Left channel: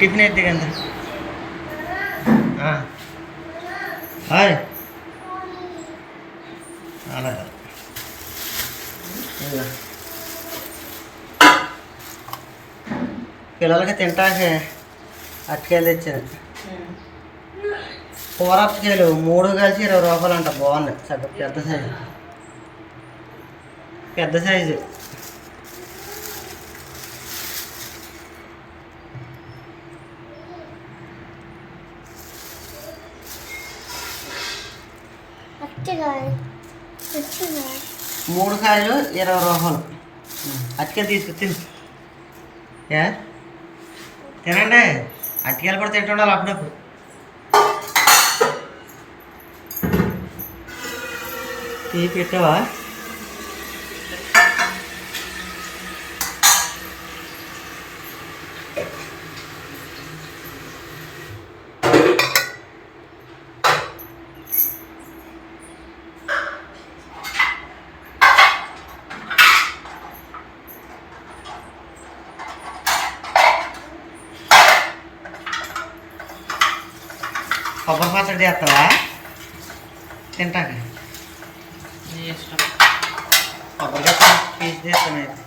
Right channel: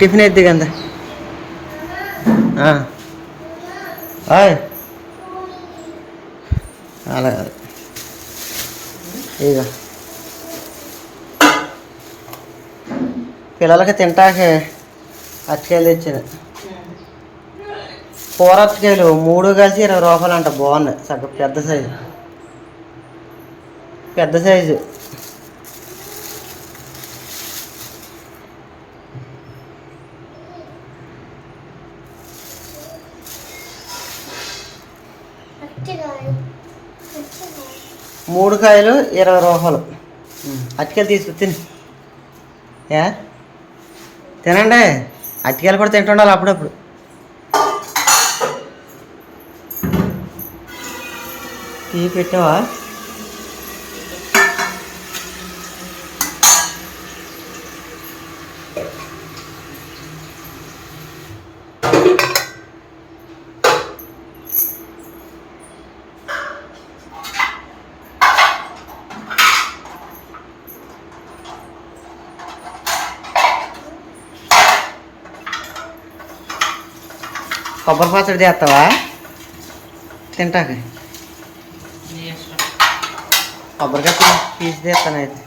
Tiffin ఎద్దు కదా hi అలా ఇక పిల్లలకి తింటాకే అరటికాయలు తెచ్చాను. కూర అరటికాయలు మూడు కలిసి ఇరవై రూపాయలు అంట బాగున్నాయి. సగ పెద్ద సైజు. పెద్ద సైజు. మూడు కాయలు ఇరవై రూపాయలు. అరటికాయలు తీసుకు తిని. ఏ తినండి. అరటికాయలు కూడా తింటుండాలి అప్పుడప్పుడు. టీ పెట్టావా? కొబ్బరి పచ్చడి చేస్తావా? తింటాక ఇష్టం. కొబ్బరికాయ తీసి చేస్తాను అయితే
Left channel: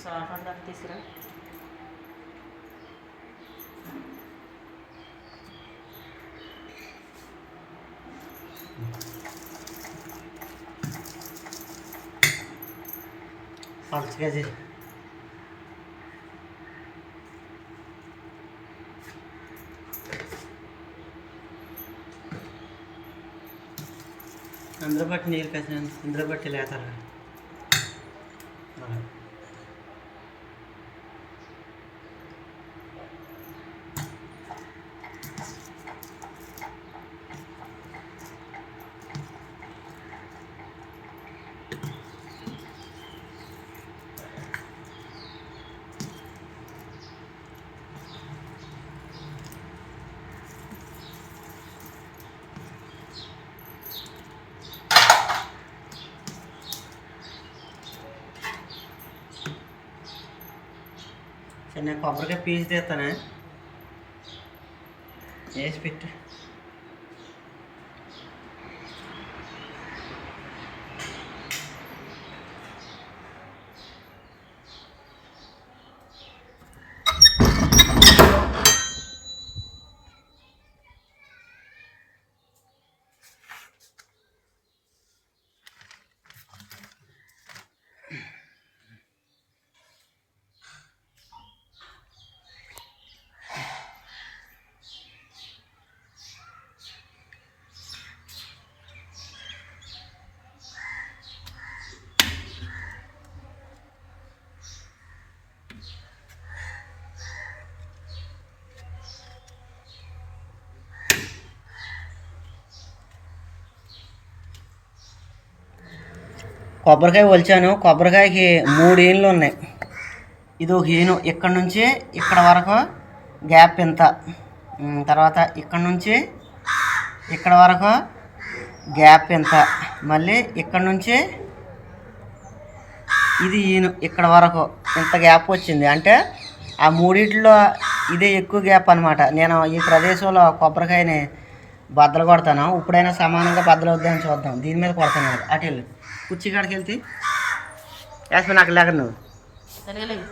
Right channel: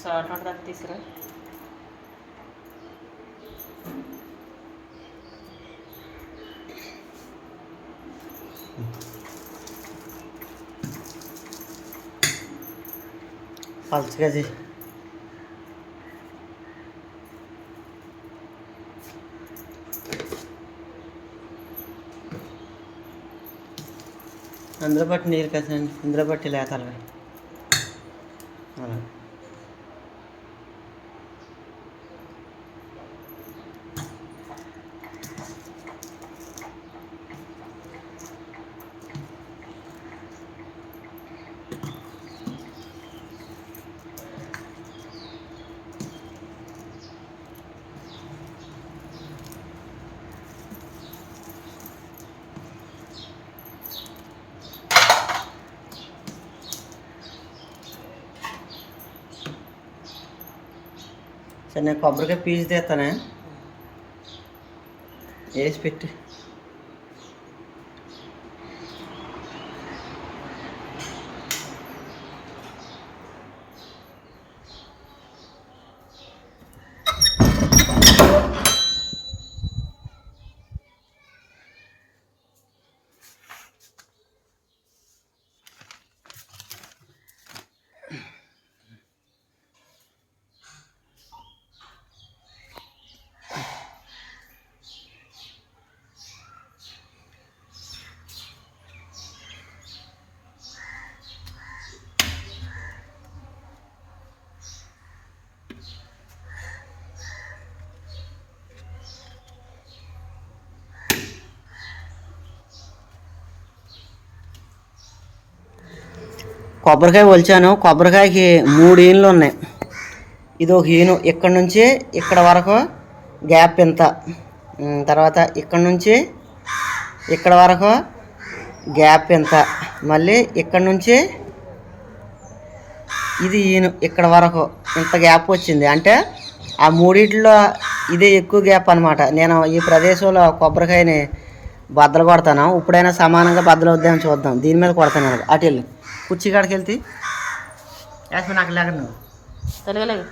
సాల్ట్ ఉంటుంది తీసుకురా పలుచగా చేయి అందులో బట్టి నీరు కసండి ఇందులో బట్టి లేతాలి అలా సరే నేను కొబ్బరికాయ పీస్ తీస్తానా. వేసి పెట్టి. కొబ్బరికాయ ఒలిచాను. కొబ్బరికాయకి మూడు ఈన్లు ఉన్నాయి. ఇది ఒక ఈను ఇక్కడ నుంచి ఇక్కడ వరకు గ్యాప్ ఇంత తర్వాత ఇక్కడ నుంచి ఇక్కడ వరకు గ్యాప్ ఇంత మళ్ళీ ఇక్కడ నుంచి ఇది ఈను ఇక్కడ వరకు ఇంత గ్యాప్ వచ్చింది. అంటే ఆ మూడిట్లో ఇదే ఎక్కువ గ్యాప్ అనమాట నేను ఈ ప్రదేశంలో కొబ్బరికాయని బద్దలు కొడతాను. ఇప్పుడైనా సమానంగా బద్దలు వద్దామని చూద్దాం. దీని మీద కొడతాను అటు వెళ్ళి. కుర్చీ కాడికి వెళ్తే యాస్మి నాకు లేక నువ్వు తెలియలేదు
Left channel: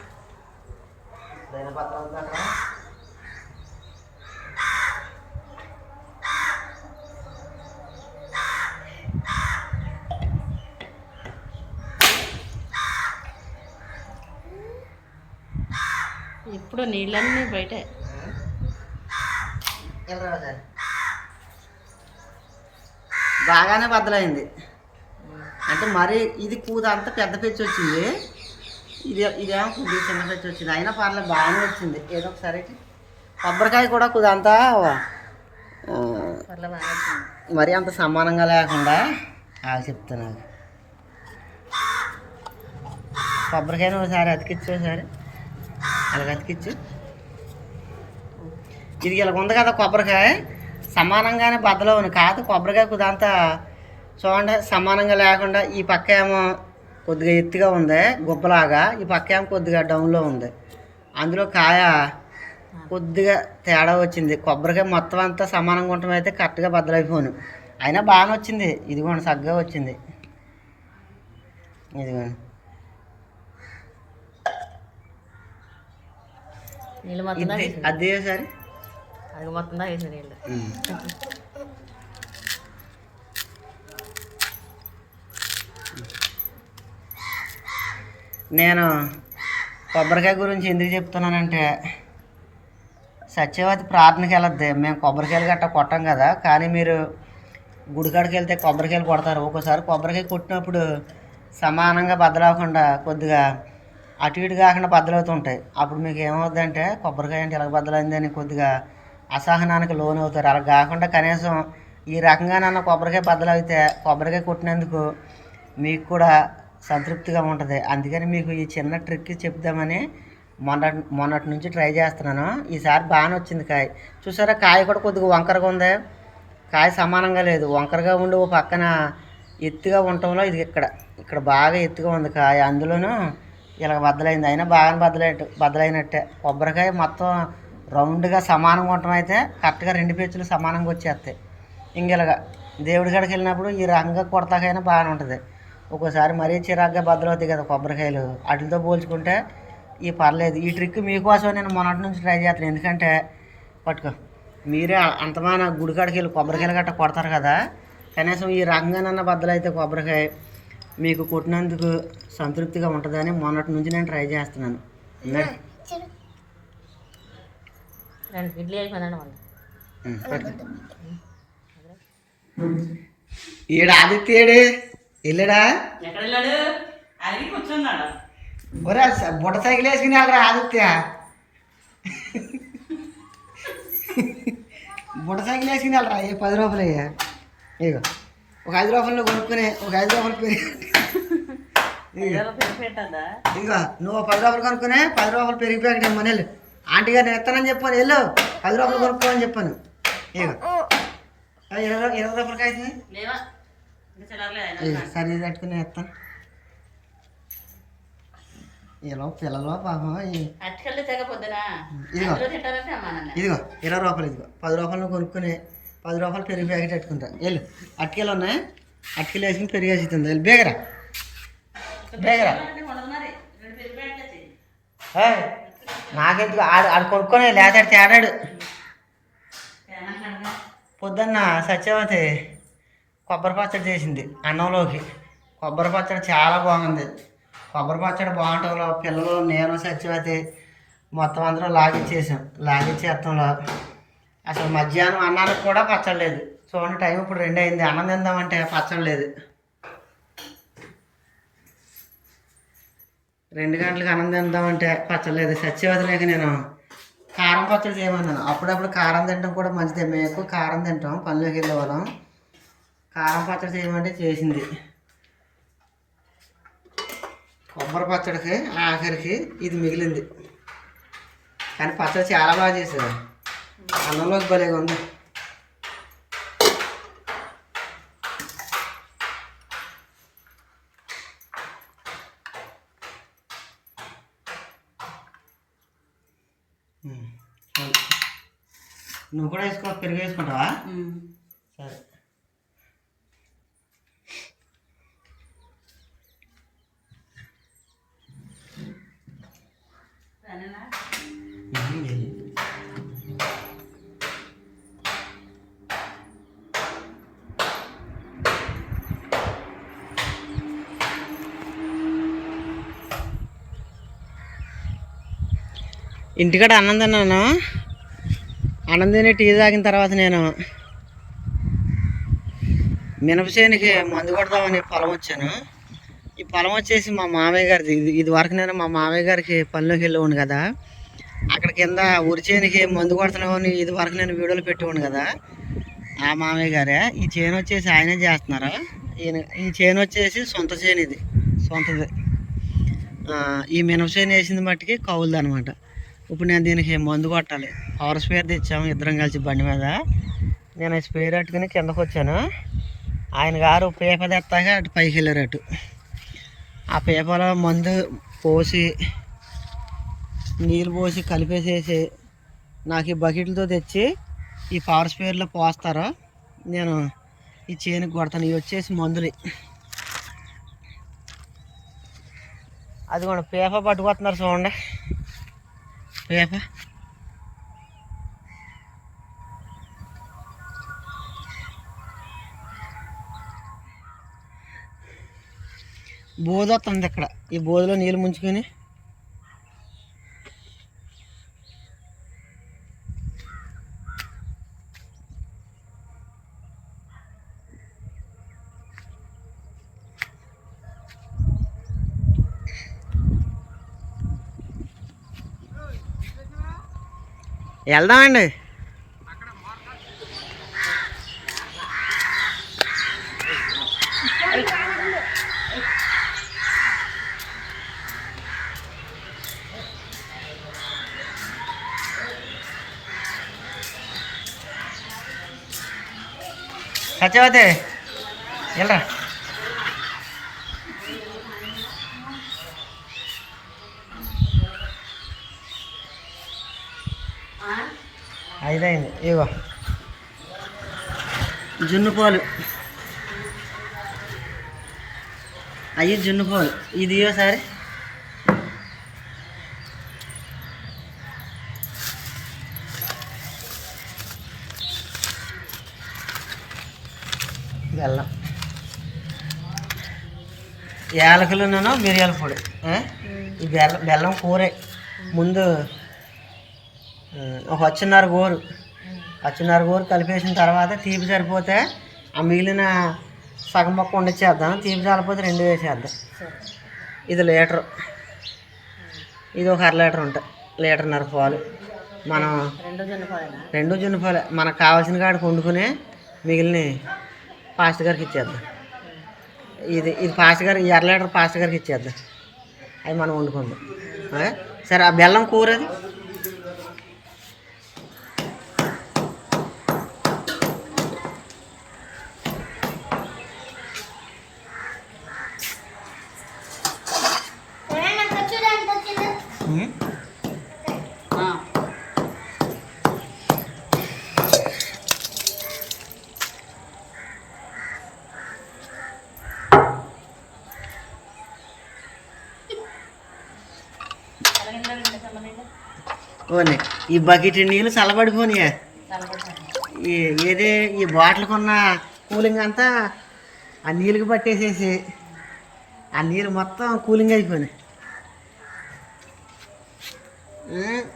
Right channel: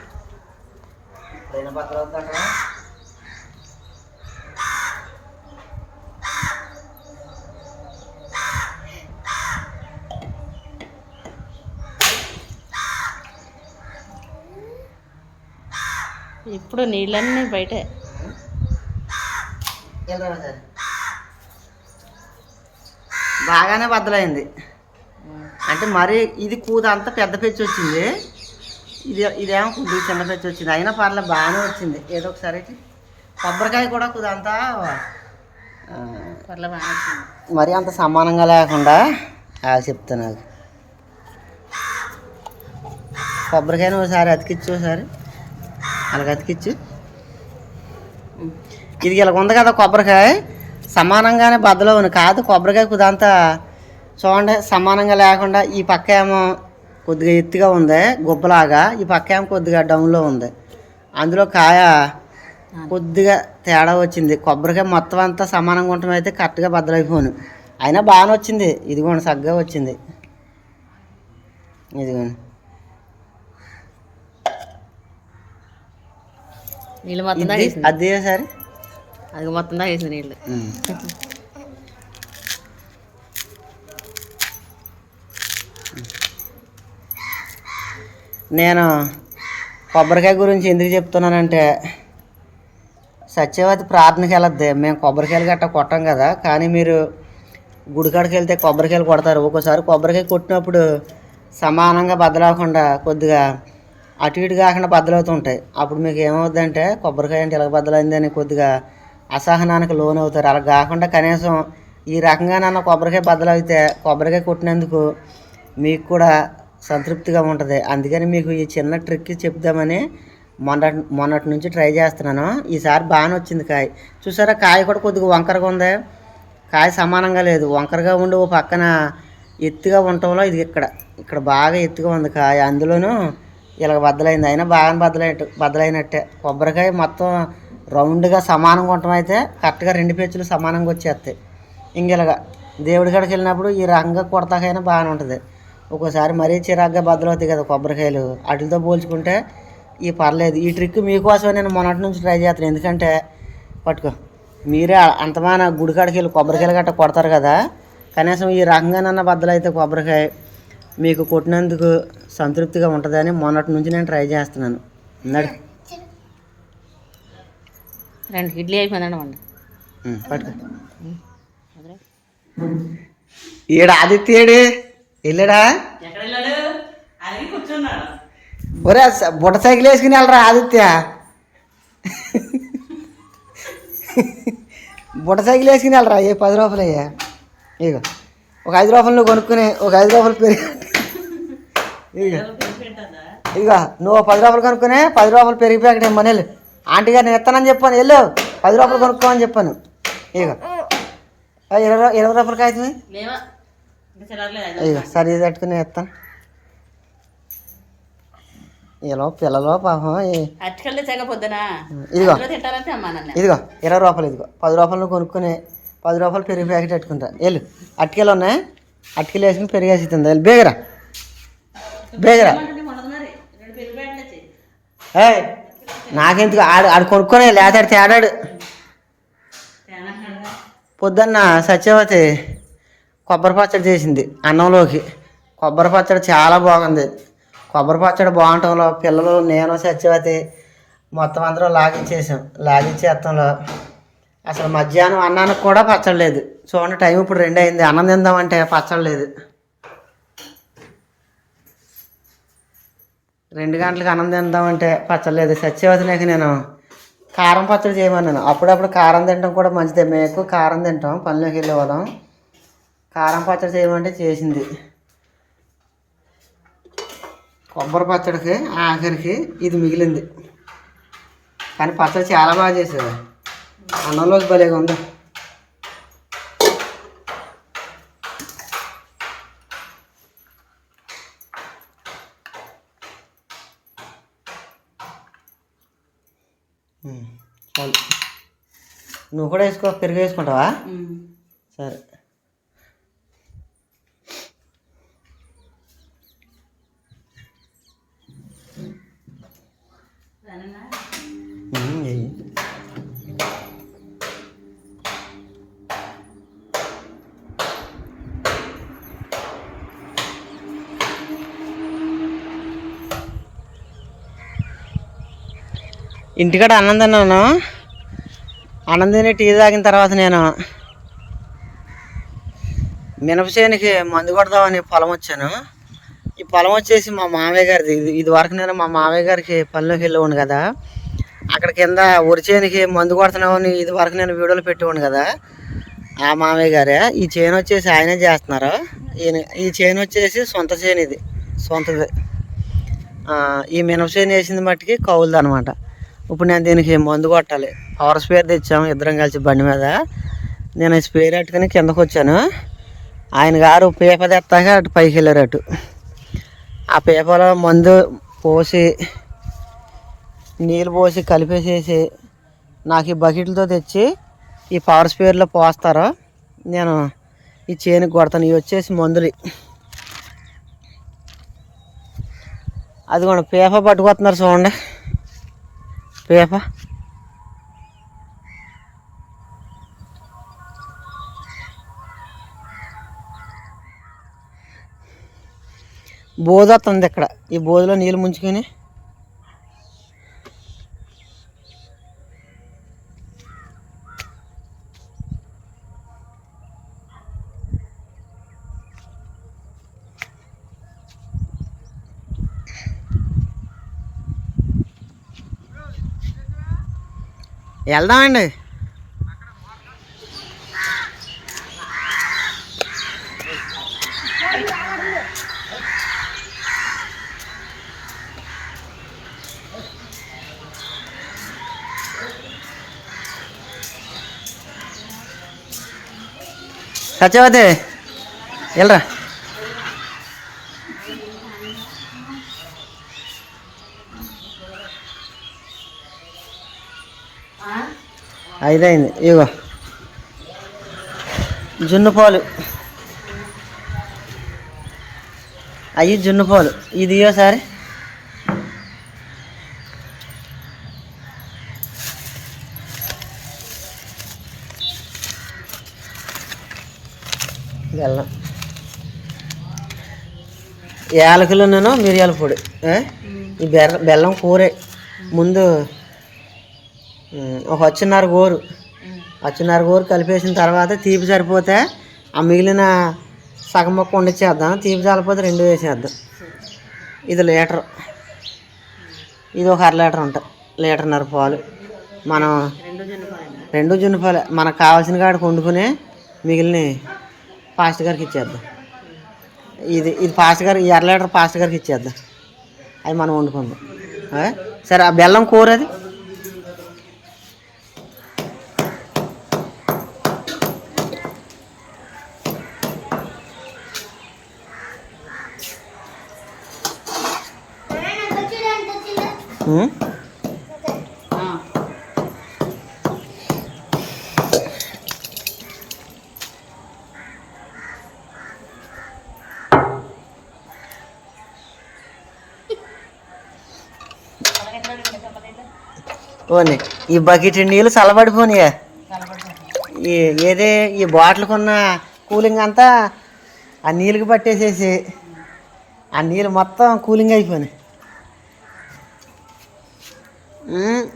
ఇప్పుడు నీళ్ళన్నీ బయటే. బాగానే బద్దలైంది. అంటే మరి ఇది కూత అంతా పెద్ద పెచ్చి వచ్చింది. ఇది ఇదేమో కొద్దిగా చిన్న పెచ్చి వచ్చింది. అయినా పర్లేదు బాగానే వచ్చింది. ఏదో ఒకసారి. కొబ్బరికాయ కూడా కొద్దిగా అంతా. మరి అంత సమానంగా లేకుండా అది చెప్తాను నాకు కొబ్బరికాయని ఒకసారి అతికిచ్చు ఒకసారి. అలాగ అతికిచ్చు. ఇది ఇలా ఉంది కదా కొబ్బరికాయ. సమానంగానే బద్దలో ఉంది. కాదు కొబ్బరికాయ కుదంతా చూడండి సమానంగా లేకుండా ఈ పక్క ఏమో కొద్దిగా ఎత్తుగా ఉంది గుబ్బలాగా. ఈ పక్క ఏమో కొద్దిగా డౌన్లో ఉంది. అందులో కాయ కొద్దిగా తేడా వచ్చింది. కొబ్బరికాయ మొత్తం అంతా సమానంగా ఉండటం అయితే కరెక్ట్గా బద్దలైపోను. అయినా బాగానే వచ్చింది. ఇదిగోండి సగ్గా వచ్చింది. ఇదిగోండి. నీళ్ళు మొత్తం అది సరే? అది మొత్తం తాగేసింది నీళ్ళు. నేను కొబ్బరికాయ గురించి ఎందుకు చెప్తున్నానంటే సత్యవతి ప్రార్థనకి వెళ్ళద్ది. మేము కొబ్బరికాయలు గట్ట కొట్టాం కదా. కానీ మీరు గుడికాడికి వెళ్తే కొబ్బరికాయలు కొడతారు. ఒక్కోసారి కొబ్బరికాయ కొట్టినప్పుడు సమానంగా బద్దలవకుండా కొద్దిగా అటు ఇటు కాకుండా బద్దలవుతుంటాయి. అప్పుడు మీకు ఏమవుద్దంటే కొబ్బరికాయ అంటే ఇలా బద్దలైందని కొద్దిగా అసహనానికి లోన్ అవుతారు అలా కాకుండా కనీసం ఈ రకంగా నన్ను కొబ్బరికాయ బద్దలైతే కొబ్బరికాయ కొట్టినందుకు మీకు కూడా సంతృప్తిగా ఉంటుంది. అందుకని మీకు ఈ చిన్న ట్రిక్ చెప్దామని మొన్నటి మొన్నటి నుంచి ట్రై చేస్తున్నాను. ఈసారి బాగానే వచ్చింది కాయ. చూసారా కాయ కూడా కొద్దిగా వంకరగా ఉంది. కాయ సమానంగా లేదు. వంకరగా ఉండి ఓ పక్కన ఎత్తుగా ఉండటంలో ఇది ఇక్కడ ఇక్కడ బాగా ఎత్తుగా ఉంది కాయ. అందులోనూ ఇలా బద్దలైంది. అయినా బాగా బద్దలైనట్టు బద్దలైనట్టే. కొబ్బరికాయ మొత్తం రౌండ్గా సమానంగా ఉండటం అయితే కరెక్ట్గా రెండు పేచీలు సమానంగా వచ్చేస్తాయి. ఇంకెలాగా దేవుడి కాడికి వెళ్ళినప్పుడు ఈ రంగ కొడతాకైనా బాగానే ఉంటుంది. ఒక్కోసారి మరీ చిరాగ్గా బద్దలవుతాయి కదా కొబ్బరికాయలు. వాటితో పోల్చుకుంటే ఈ పర్లేదు. ఈ ట్రిక్ మీకోసం నేను మొన్నటి నుంచి ట్రై చేస్తాను ఎందుకంటే పట్టుకో. మీరే అంతమాన గుడికాడికి వెళ్ళి కొబ్బరికాయలు గట్ట కొడతారు కదా. కనీసం ఈ రకంగానన్న బద్దలైతే కొబ్బరికాయ మీకు కొట్టినందుకు సంతృప్తిగా ఉంటుందని మొన్నటి నుంచి నేను ట్రై చేస్తున్నాను. రెండు ఇడ్లీ అయిపోయిందండి పట్టుకో. ఈడ ఆదిత్యుడు వెళ్ళాడా ఒరే బుట్ట సైకిల్ వేసుకుని వెళ్ళరా ఆదిత్య? బుట్ట సైకిల్ వేసుకుని వెళ్ళరా ఏ పది రూపాయలు అయ్యా? ఇగో ఒక ఐదు రూపాయలు కొనుక్కుని ఒక ఐదు రూపాయలు పెరిగి ఇగో నువ్వు పది రూపాయలు కొనుక్కునే పది రూపాయలు పెరిగి ప్యాకెట్ ఇమ్మని వెళ్ళు. ఆంటీ గారు నేను ఇస్తానని చెప్పాను వెళ్ళు. పది రూపాయలు కొనుక్కోమని చెప్పాను. ఇగో ఆ, ఇరవై ఇరవై రూపాయలు కాగితమే ఇగో సరే పెట్టుకుని ఇస్తాను ఇలా పిల్లలు పాపం ఇదిగో. ఇదిగో ఇరవై రూపాయలు ఇదిగో. పది రూపాయలు కొనుక్కొని పది రూపాయలు పెరుగు ప్యాకెట్ పెట్టుకుంటా. వెళ్ళు. అటుకెలు ఉన్నాయి? అటుకెలు వేసుకుని పెరిగేసి ఇస్తుంది వెళ్ళు బేగరా. బేగరా. నాకెందుకు? ఆడు ఆడు కొనుక్కొని లేతాడు తేడాడు. పొద్దున్న సత్యవతి కొబ్బరి పచ్చడి చేసింది అన్నంలోకి. కొబ్బరి పచ్చడి చాలా బాగుంది. కొబ్బరి పచ్చడి బాగుంటంలో పిల్లలు నేను సత్యవతి మొత్తం అందరం లాగిచ్చేసాం లాగిచ్చేత్తంలో అసలు మధ్యాహ్నం అన్నానికి కూడా పచ్చడి లేదు. చూడండి టైం ఇప్పుడు రెండు అయింది. అన్నం తిందామంటే పచ్చడి లేదు. రెండు గంటలకు అన్నం తిందామంటే పచ్చడి లేదు. సత్యవతి లేక నేను కారం పచ్చడి చేయమన్నాను. అప్పుడప్పుడు కారం తినడం కూడా మంచిదే. మేము ఎక్కువ కారం తింటాం. పనిలోకి వెళ్ళే వాళ్ళం. కారం పచ్చడి చేయమంటే చేసింది. కొబ్బరి పచ్చడికి ఆఖరికి ఇది మిగిలింది. కానీ పచ్చడి చాలా బాగా చేసేది. అన్నంలోకి భలేగా ఉంది. నువ్వు కూడా వేసుకో పెరుగు వేసుకుంటావా. సరే. ఇంటికాడ అన్నం తిన్నాను. అన్నం తిని టీ తాగిన తర్వాత నేను మినపచేనికి మందు కొడదామని పొలం వచ్చాను. ఈ పొలం వచ్చేసి మా మామయ్య గారిది. ఇది ఇది వరకు నేను మా మామయ్య గారికి పనిలోకి వెళ్ళేవాడు కదా. అక్కడ కింద ఉరి చేనికి మందు కొడుతున్నామని ఇది వరకు నేను వీడియోలు పెట్టేవాడు కదా. ఆ మామయ్య గారే ఈ చేను వచ్చేసి ఆయనే చేస్తున్నారు. ఈయన ఈ చేను వచ్చేసి సొంత చేను ఇది సొంతది. ఈ ఈ మినపసేను వేసింది మట్టుకి కౌలుది అనమాట ఇప్పుడు నేను దీనికి మందు కొట్టాలి. పవర్ స్పేర్ తెచ్చాము ఇద్దరం కలిసి బండి మీద. నేను స్పేర్ పెట్టుకుని కిందకు వచ్చాను. ఆయన గారు పీప తెస్తాక అటు పైకి వెళ్ళారు అటు. ఆ పీపలో మందు పోసి నీళ్ళు పోసి కలిపేసేసి నాకు ఈ బకెట్లతో తెచ్చి ఈ పవర్ స్పేర్లో పోస్తారు. నేను ఈ చేనుకి కొడతాను. ఇవి వచ్చేసి మందులు. అది కూడా పేప పట్టుకొస్తున్నారు చూడండి. పేప బోధ వస్తుంది ఇక్కడ. ఈ బోధలో నీళ్ళు ముంచుకొని వెళ్దామండి. సత్యవతి వెళ్ళరా? ఐదైంది ఇగో. జున్నుపాలు అవి జున్ను పాలు. ఇది సారి. బెల్లం. యాలకులు నేను మిరియాల పొడి. ఈ బెర్ర బెల్లం కూరే. ముందు ఒక వచ్చిన్నర గోరు. వచ్చిన్నర గోరు కలిపేసిన తర్వాత తీపి సరిపోతే ఆ మిగిలిన సగం మొక్క వండిచ్చేద్దాం తీపి చాలిపోతే రెండు వేసేద్దాం. ఇది లీటర్. ఇది ఒక అర లీటర్ ఉంటుంది. లీటర్న్నర పాలు. మనం రెండు జనపాలైనా జున్నుపాలే మనకు కావాల్సిన కాడికి వండుకుని మిగిలిన పాస్ట్ గారికి ఇచ్చేద్దాం. ఇది ఇది పాస్ట్ గారు ఈ అర లీటర్ పాస్ట్ గారికి ఇచ్చేద్దాం. అది మనం వండుకుందాం. సరే ఆ బెల్లం కూర అది? ఓని ఈ బకెట్ నీళ్ళు చల్లబడిపోయినాయా ఈ ఏదే ఈ బాటిల్కి ఉన్న కూలింగ్ అంతా ఆ నీళ్ళకి పట్టేసేసి ఆ నీళ్ళు మొత్తం కూలింగ్ అయిపోయినాయి.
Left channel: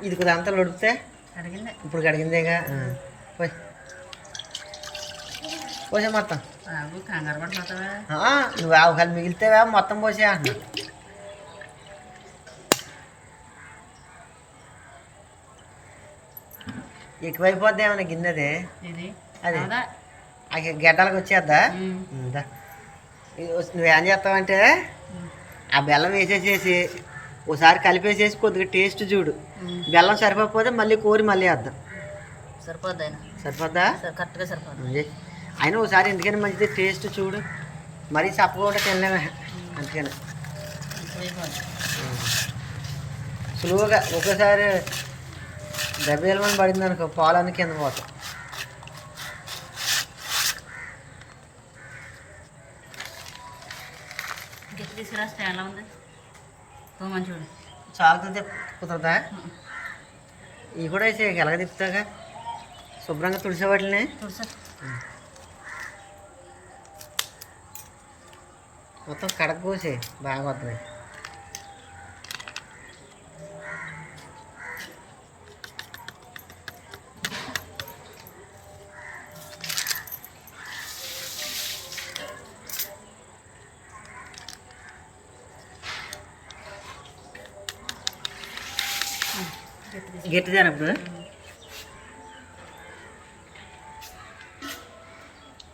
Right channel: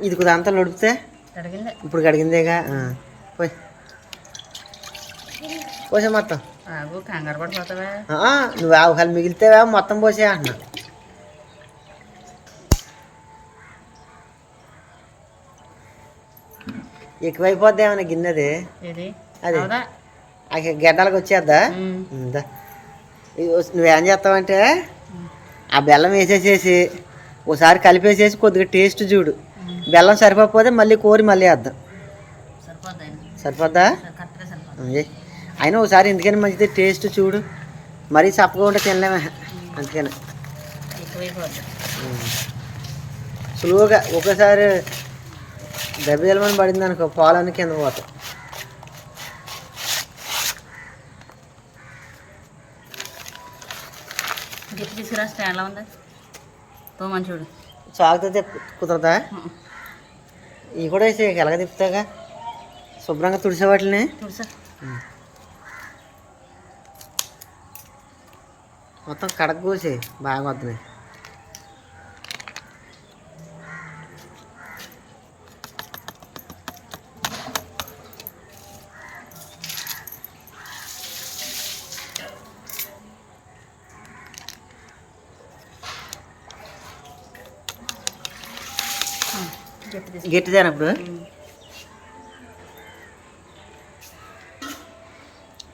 ఇది కొద్దిగా అంతా నడిపితే అడిగిందే ఇప్పుడు కడిగిందేగా? పోయి. పోసే మొత్తం. నువ్వు ఆవుకాలు మిగిలితేవా మొత్తం పోసే అంటున్నా. ఎక్కువైపోద్ది ఏమైనా గిన్నెది? అదే. గడ్డలకు వచ్చేద్దా? నువ్వేం చేస్తావంటే ఆ బెల్లం వేసేసేసి ఒకసారి కలిపేసేసి కొద్దిగా టేస్ట్ చూడు. బెల్లం సరిపోకపోతే మళ్ళీ కోరి మళ్ళీ వేద్దాం. సరిపోద్ది. అయినా ఒకసారి ఎందుకని మంచిది టేస్ట్ చూడు. మరీ చప్పగా ఉంటే తినలేమే. అందుకని. సులువుగా ఒకసారి దెబ్బేలమని పడింది అనుకో పాలన్నీ కింద పోతాయి. గిఫ్ట్ తీసుకురా స్టాండ్లో ఉంది తో మంచోడు. చాకుతో కుదరదా? ఇవి కూడా వేసి ఎలాగ తిప్పుతాగా శుభ్రంగా తుడిసే వాటిని తుడుసా. మొత్తం కడక కోసి బాగా వద్దు గట్టిదేనా ఇప్పుడు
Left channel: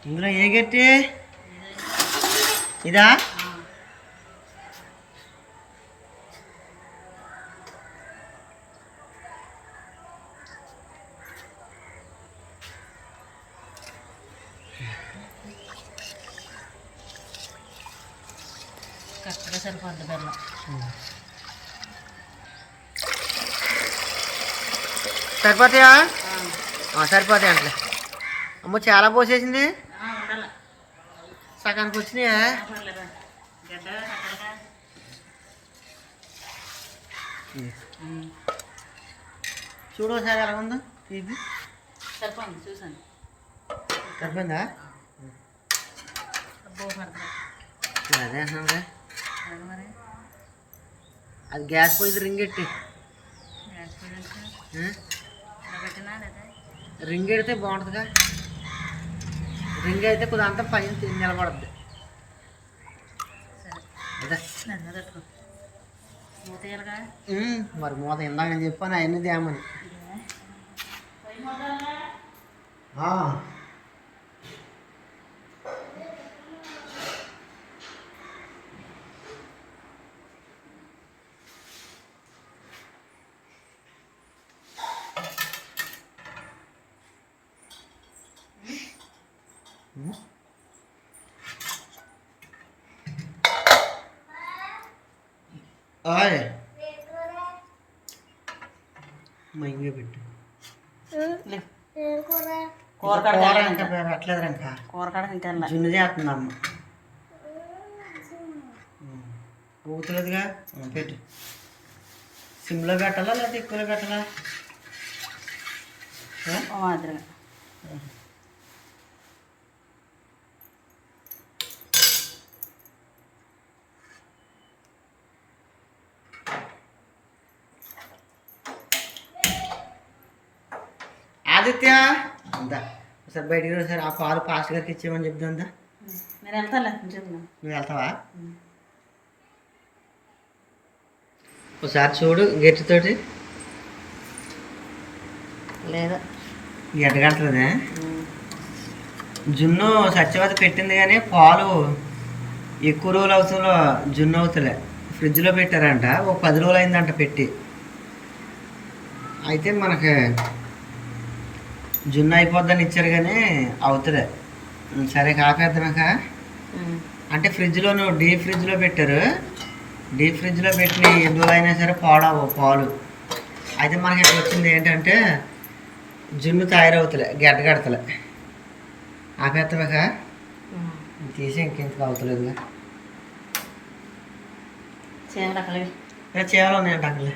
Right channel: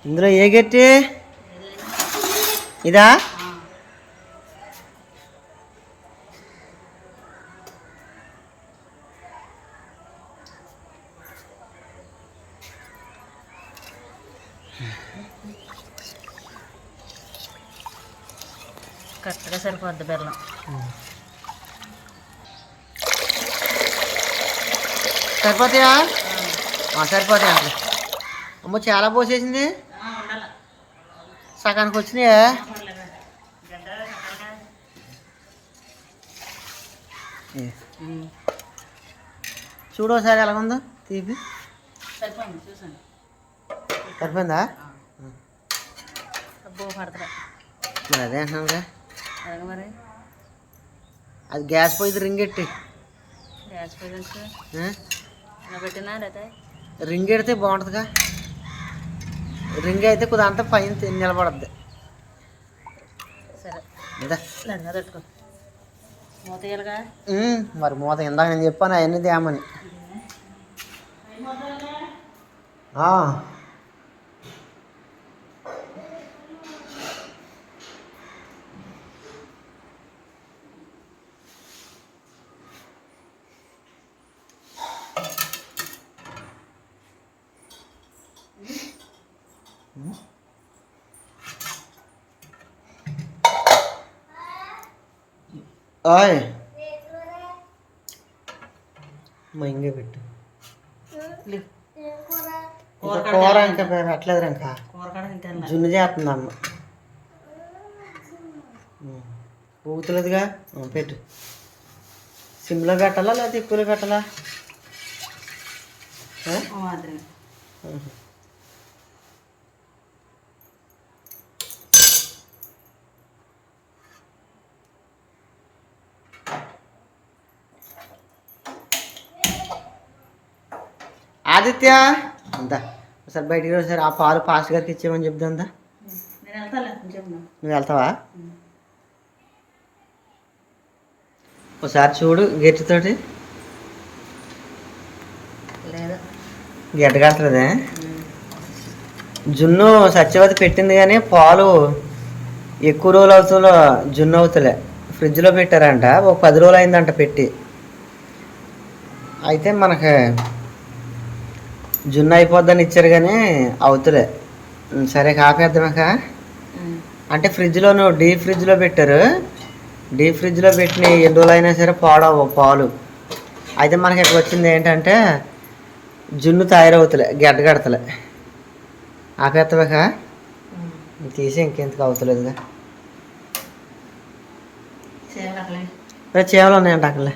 ఇందులో ఏ గట్టి ఇదా కరెక్ట్గా సరిపోద్ది బెల్లం సరిపోతాయా? సరిపోతాయి అంటే అమ్మో చాలా పోసేసింది. సగానికి వచ్చినాయా? ఏ. చూడు ఒకసారి ఎలా ఉందో తీపి. సరిపోయింది చూసాను. మరి అదే అంటున్నానుగా మరి. అది గ్యాస్ పోయింది రింగ్ ఎట్టి. గ్యాస్ పోయింది రింగ్ ఎడితే బాగుంటుందిగా. రింగ్ అయితే కొద్దిగా అంతా పైన నిలబడద్ది. మరి మూత ఇందాక నేను చెప్పాను అవన్నీ తేమని. ఆ. ఉమ్. ఓయ్ మా ఇంకే పెట్టు కూర ఇంకా పెట్టలేదు ఇంకా జున్ను చేస్తుంది అమ్మ ఊతులేదుగా పెట్టు. సిమ్లో పెట్టాలా లేకపోతే ఎక్కువలో పెట్టాలా? మాదిరిగా. ఆదిత్య అంతా. ఒకసారి బయటికి ఒకసారి ఆ పాలు పాస్ట్ గారికి ఇచ్చేయమని చెప్దా అంతా. నేను వెళ్తాలే కొంచెం నువ్వు వెళ్తావా? ఒకసారి చూడు గట్టితోటి. లేదా? గడ్డగడుతుందే జున్ను సత్యవతి పెట్టింది కానీ పాలు ఎక్కువ రోజులు అవుతుందో జున్ను అవుతలే. ఫ్రిడ్జ్లో పెట్టారంట ఒక పది రోజులు అయిందంట పెట్టి. అయితే మనకి జున్ను అయిపోద్దని ఇచ్చారు కానీ అవుతులే. సరే కాపేద్దామక అంటే ఫ్రిడ్జ్లోను డీప్ ఫ్రిడ్జ్లో పెట్టారు. డీప్ ఫ్రిడ్జ్లో పెట్టిన ఎన్ని రోజులు అయినా సరే పాడవు పాలు. అయితే మనకి ఇక్కడ వచ్చింది ఏంటంటే జున్ను తయారవుతలే గడ్డ కడతలే. ఆపేత్తవాక తీసి ఇంకెంతకు అవుతలేదుగా చేపలు ఉన్నాయంట అక్కడలే.